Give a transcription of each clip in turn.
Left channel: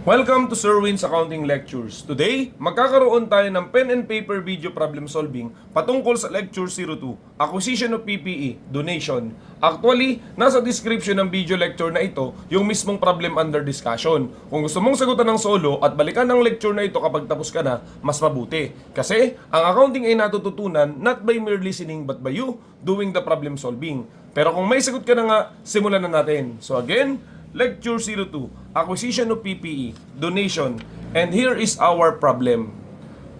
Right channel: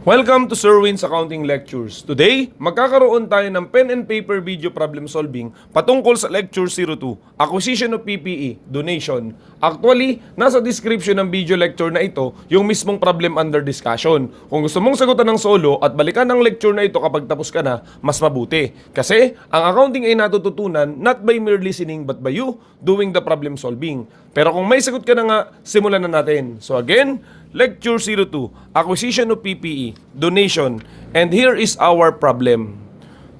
Welcome to Sir Win's Accounting Lectures. Today, magkakaroon tayo ng pen and paper video problem solving patungkol sa Lecture 02, Acquisition of PPE, Donation. Actually, nasa description ng video lecture na ito yung mismong problem under discussion. Kung gusto mong sagutan ng solo at balikan ng lecture na ito kapag tapos ka na, mas mabuti. Kasi, ang accounting ay natututunan not by mere listening but by you doing the problem solving. Pero kung may sagot ka na nga, simulan na natin. So again, Lecture 02, Acquisition of PPE, Donation, and here is our problem.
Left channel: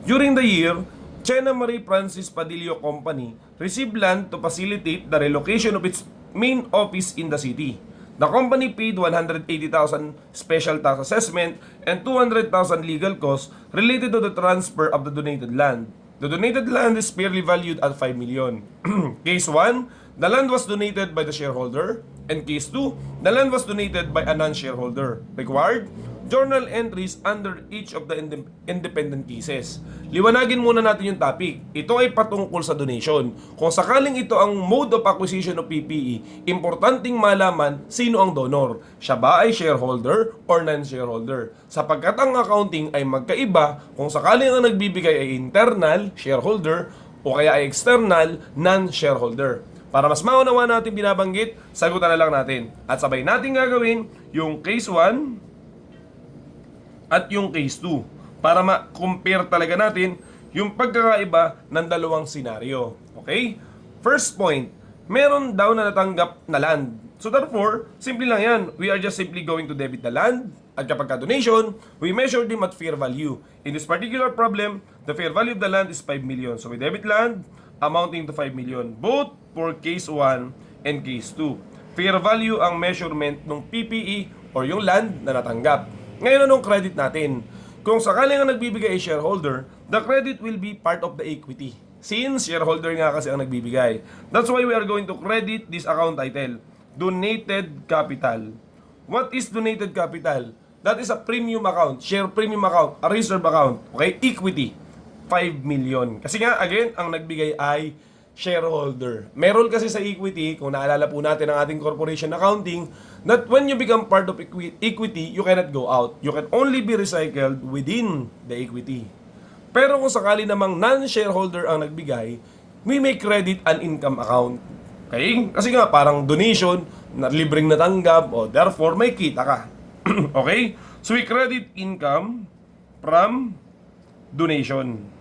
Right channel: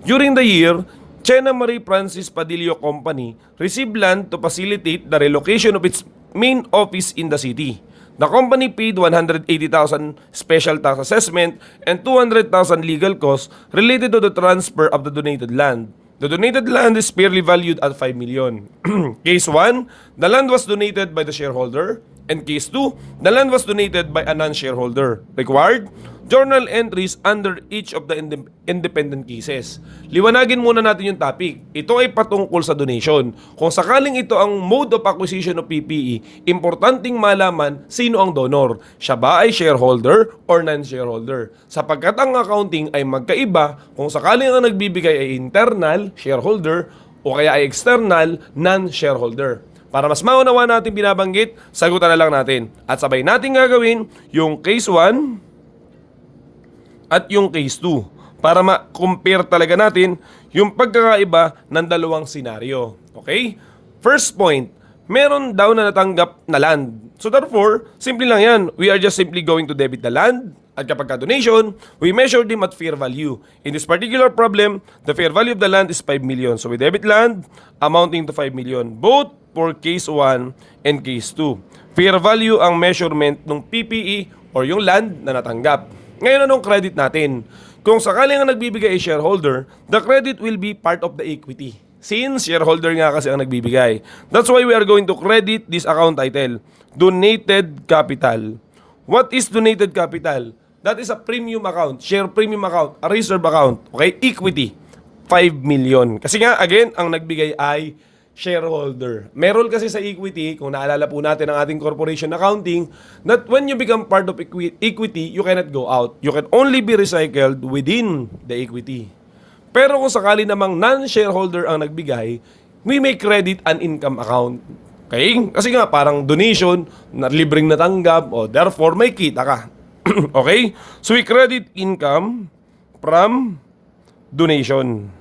During the year, Chena Marie Francis Padillo Company received land to facilitate the relocation of its main office in the city. The company paid 180,000 special tax assessment and 200,000 legal costs related to the transfer of the donated land. The donated land is fairly valued at 5 million. Case 1, the land was donated by the shareholder. And case 2, the land was donated by a non-shareholder. Required, journal entries under each of the independent cases. Liwanagin muna natin yung topic. Ito ay patungkol sa donation. Kung sakaling ito ang mode of acquisition of PPE, importanteng malaman sino ang donor. Siya ba ay shareholder or non-shareholder? Sapagkat ang accounting ay magkaiba kung sakaling ang nagbibigay ay internal, shareholder, o kaya ay external, non-shareholder. Para mas maunawa natin binabanggit, sagutan na lang natin. At sabay natin gagawin yung case 1 at yung case 2 para ma-compare talaga natin yung pagkakaiba ng dalawang senaryo. Okay? First point, meron daw na natanggap na land. So therefore, simple lang yan. We are just simply going to debit the land. At kapag ka-donation, we measure them at fair value. In this particular problem, the fair value of the land is 5 million. So we debit land amounting to 5 million. Both for case 1 and case 2. Fair value ang measurement ng PPE or yung land na natanggap. Ngayon, anong credit natin? Kung sakaling ang nagbibigay ay shareholder, the credit will be part of the equity. Since shareholder nga kasi ang nagbibigay. That's why we are going to credit this account title, Donated Capital. What is donated capital? That is a premium account, share premium account, a reserve account. Okay? Equity, 5 million. Kasi nga, again, ang nagbigay ay shareholder. Meron kasi sa equity, kung naalala po natin ang ating corporation accounting, that when you become part of equity, you cannot go out. You can only be recycled within the equity. Pero kung sakali namang non-shareholder ang nagbigay, we may credit an income account. Okay? Kasi nga, parang donation, na libreng natanggap, o therefore, may kita ka. Okay? So, we credit income from donation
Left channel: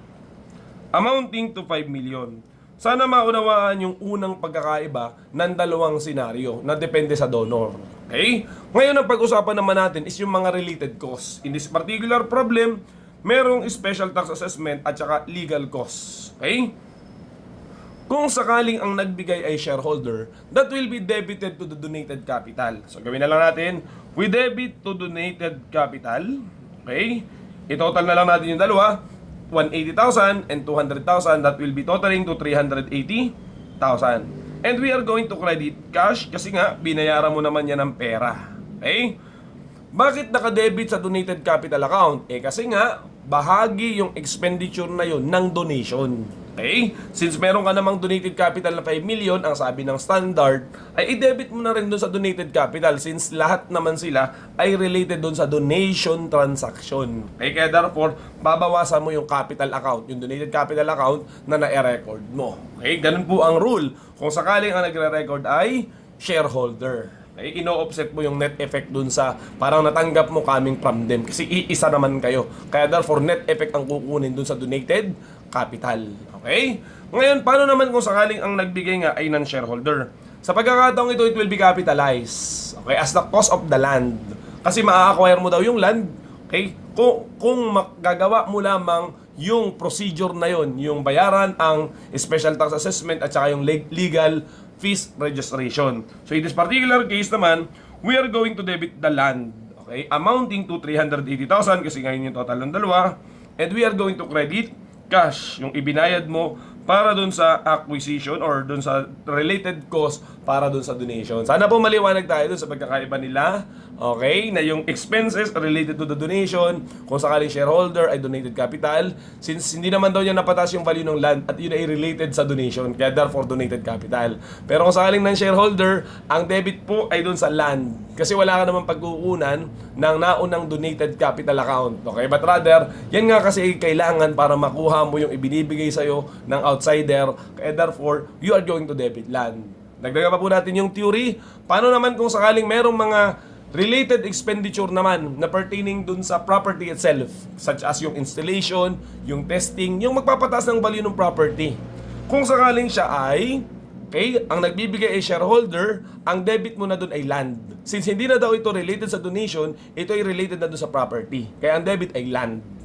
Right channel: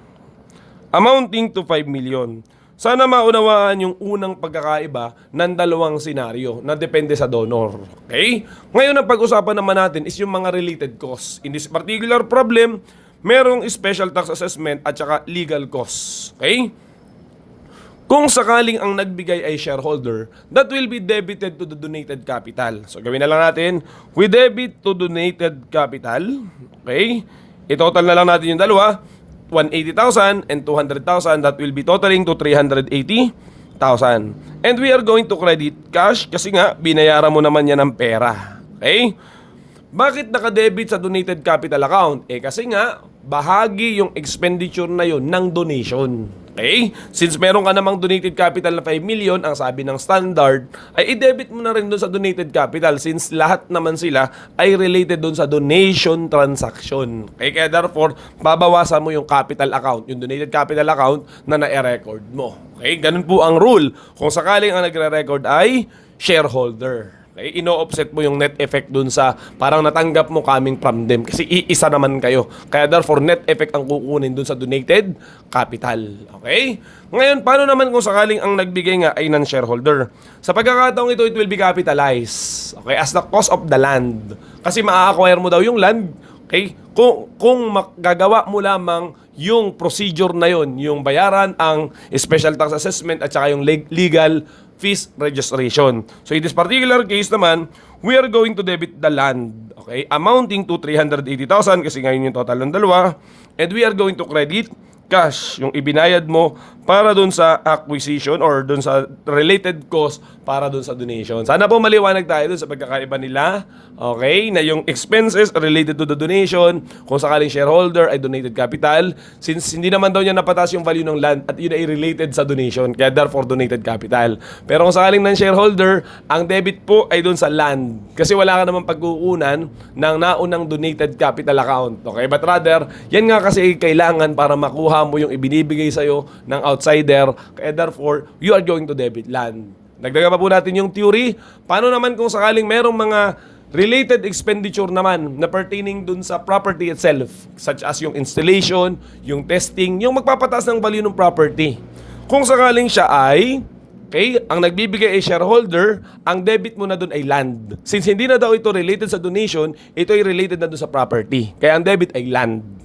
amounting to 5 million. Sana maunawaan yung unang pagkakaiba ng dalawang senaryo na depende sa donor. Okay? Ngayon, ang pag-usapan naman natin is yung mga related costs. In this particular problem, merong special tax assessment at saka legal costs. Okay? Kung sakaling ang nagbigay ay shareholder, that will be debited to the donated capital. So, gawin na lang natin, we debit to donated capital. Okay? I-total na lang natin yung dalawa. 180,000 and 200,000, that will be totaling to 380,000. And we are going to credit cash kasi nga, binayaran mo naman yan ng pera. Okay? Bakit naka-debit sa donated capital account? Kasi nga, bahagi yung expenditure na yun ng donation. Okay? Since meron ka namang donated capital na 5 million, ang sabi ng standard, ay i-debit mo na rin doon sa donated capital since lahat naman sila ay related doon sa donation transaction. Okay? Kaya therefore, babawasan mo yung capital account, yung donated capital account na na-record mo. Okay? Ganun po ang rule. Kung sakaling ang nagre-record ay shareholder. Okay, ino-offset mo yung net effect dun sa parang natanggap mo coming from them kasi iisa naman kayo. Kaya therefore net effect ang kukunin dun sa donated capital. Okay? Ngayon, paano naman kung sakaling ang nagbigay nga ay non-shareholder? Sa pagkakataong ito, it will be capitalized. Okay? As the cost of the land. Kasi maa-acquire mo daw yung land. Okay? Kung magagawa mo lamang yung procedure na yon, yung bayaran ang special tax assessment at saka yung legal fees registration. So in this particular case naman, we are going to debit the land, okay, amounting to 380,000 kasi ngayon yung total ng dalawa, and we are going to credit cash, yung ibinayad mo para dun sa acquisition or dun sa related cost para dun sa donation. Sana po maliwanag tayo dun sa pagkakaiba nila. Okay, na yung expenses related to the donation, kung sakaling shareholder ay donated capital, since hindi naman daw niya napatas yung value ng land at yun ay related sa donation, kaya therefore donated capital. Pero kung sakaling non-shareholder, ang debit po ay dun sa land. Kasi wala ka naman pag-uunan ng naunang donated capital account. Okay, but rather, yan nga kasi kailangan para makuha mo yung ibinibigay sa'yo ng outsider, kaya therefore, you are going to debit land. Nagdaga pa po natin yung theory. Paano naman kung sakaling merong mga related expenditure naman na pertaining dun sa property itself, such as yung installation, yung testing, yung magpapataas ng value ng property. Kung sakaling siya ay, okay, ang nagbibigay ay shareholder, ang debit mo na dun ay land. Since hindi na daw ito related sa donation, ito ay related na dun sa property. Kaya ang debit ay land.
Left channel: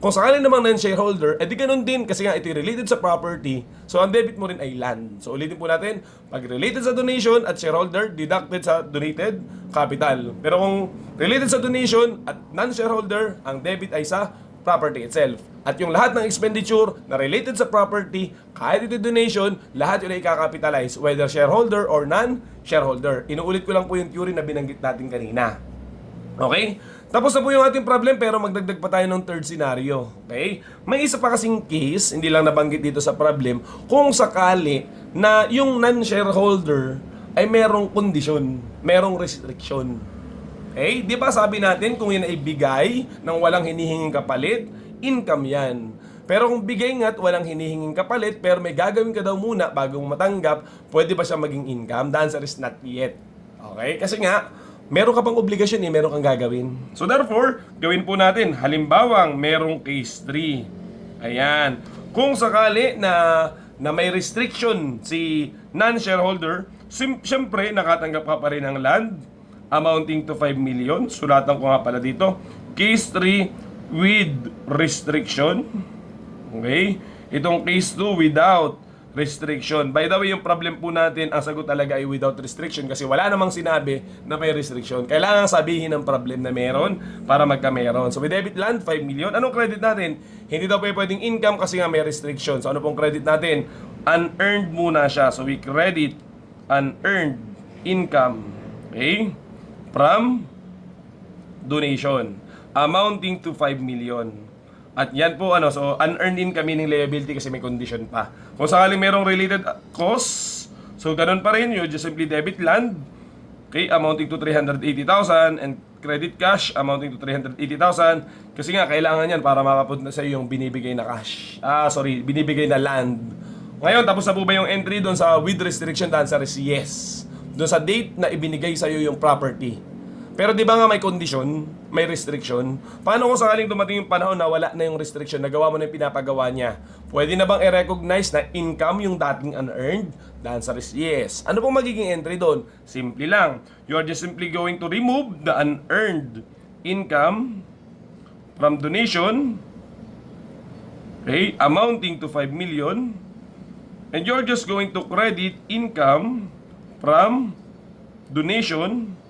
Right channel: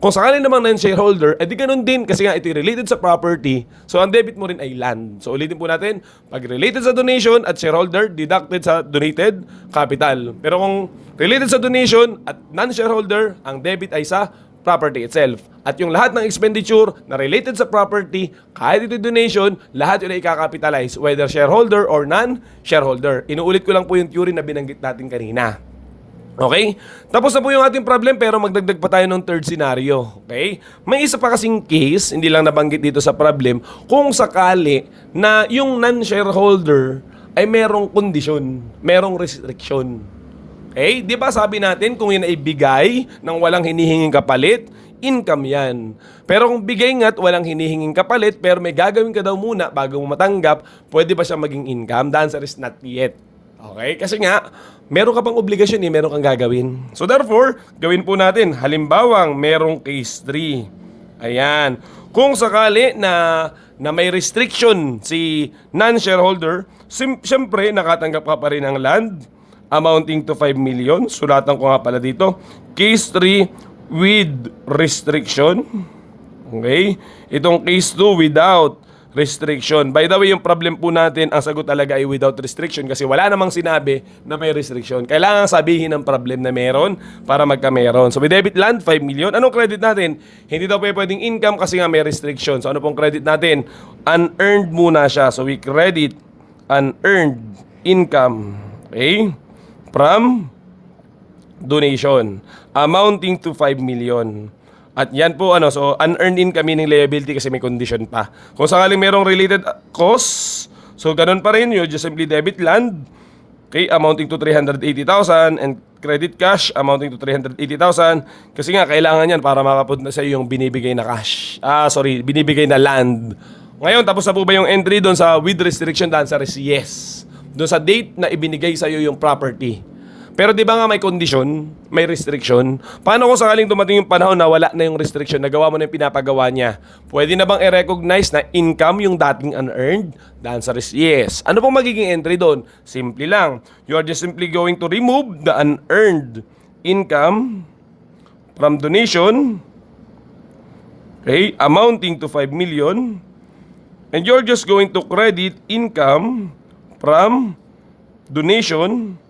Kung sakaling naman na yung shareholder, edi ganun din kasi nga ito related sa property, so ang debit mo rin ay land. So ulitin po natin, pag related sa donation at shareholder, deducted sa donated capital. Pero kung related sa donation at non-shareholder, ang debit ay sa property itself. At yung lahat ng expenditure na related sa property, kahit ito donation, lahat yun ay ikakapitalize, whether shareholder or non-shareholder. Inuulit ko lang po yung theory na binanggit natin kanina. Okay? Tapos na po yung ating problem pero magdagdag pa tayo ng third scenario. Okay? May isa pa kasing case, hindi lang nabanggit dito sa problem, kung sakali na yung non-shareholder ay merong kondisyon, merong restriction. Okay? Di ba sabi natin kung yun ay bigay ng walang hinihinging kapalit, income yan. Pero kung bigay nga at walang hinihinging kapalit pero may gagawin ka daw muna bago mo matanggap, pwede ba siya maging income? The answer is not yet. Okay? Kasi nga, meron ka pang obligasyon meron kang gagawin. So therefore, gawin po natin. Halimbawang merong case 3. Ayan. Kung sakali na may restriction si non-shareholder, siyempre nakatanggap ka pa rin ng land amounting to 5 million. Sulatan ko nga pala dito. Case 3 with restriction. Okay? Itong case 2 without restriction. By the way, yung problem po natin, ang sagot talaga ay without restriction kasi wala namang sinabi na may restriction. Kailangan sabihin ng problem na meron para magka-meron. So, with debit land, 5 million. Anong credit natin? Hindi daw pwedeng income kasi nga may restriction. So, ano pong credit natin? Unearned muna siya. So, we credit unearned income. Okay? From donation. Amounting to 5 million. At yan po so unearned income meaning liability kasi may condition pa. Kung sakaling merong related costs, so ganun pa rin, you just simply debit land, okay, amounting to 380,000 and credit cash amounting to 380,000 kasi nga kailangan yan para makapunta sa iyo yung binibigay na cash. Binibigay na land. Ngayon, tapos na po ba yung entry doon sa with restriction? The answer is yes. Doon sa date na ibinigay sa iyo yung property. Pero di ba nga may condition, may restriction? Paano kung sakaling dumating yung panahon na wala na yung restriction, nagawa mo na yung pinapagawa niya? Pwede na bang i-recognize na income yung dating unearned? The answer is yes. Ano pong magiging entry doon? Simple lang. You are just simply going to remove the unearned income from donation, okay, amounting to 5 million, and you're just going to credit income from donation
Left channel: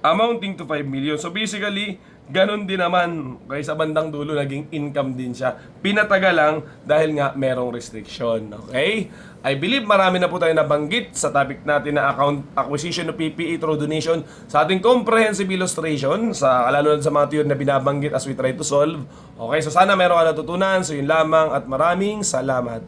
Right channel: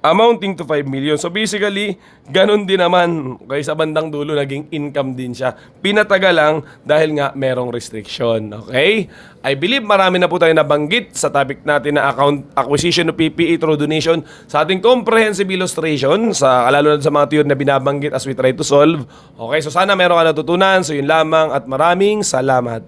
amounting to 5 million. So basically, ganun din naman. Okay, sa bandang dulo, naging income din siya. Pinataga lang dahil nga merong restriction. Okay? I believe marami na po tayo nabanggit sa topic natin na account acquisition of PPE through donation sa ating comprehensive illustration, lalo na sa mga theory na binabanggit as we try to solve. Okay, so sana meron ka natutunan. So yun lamang at maraming salamat.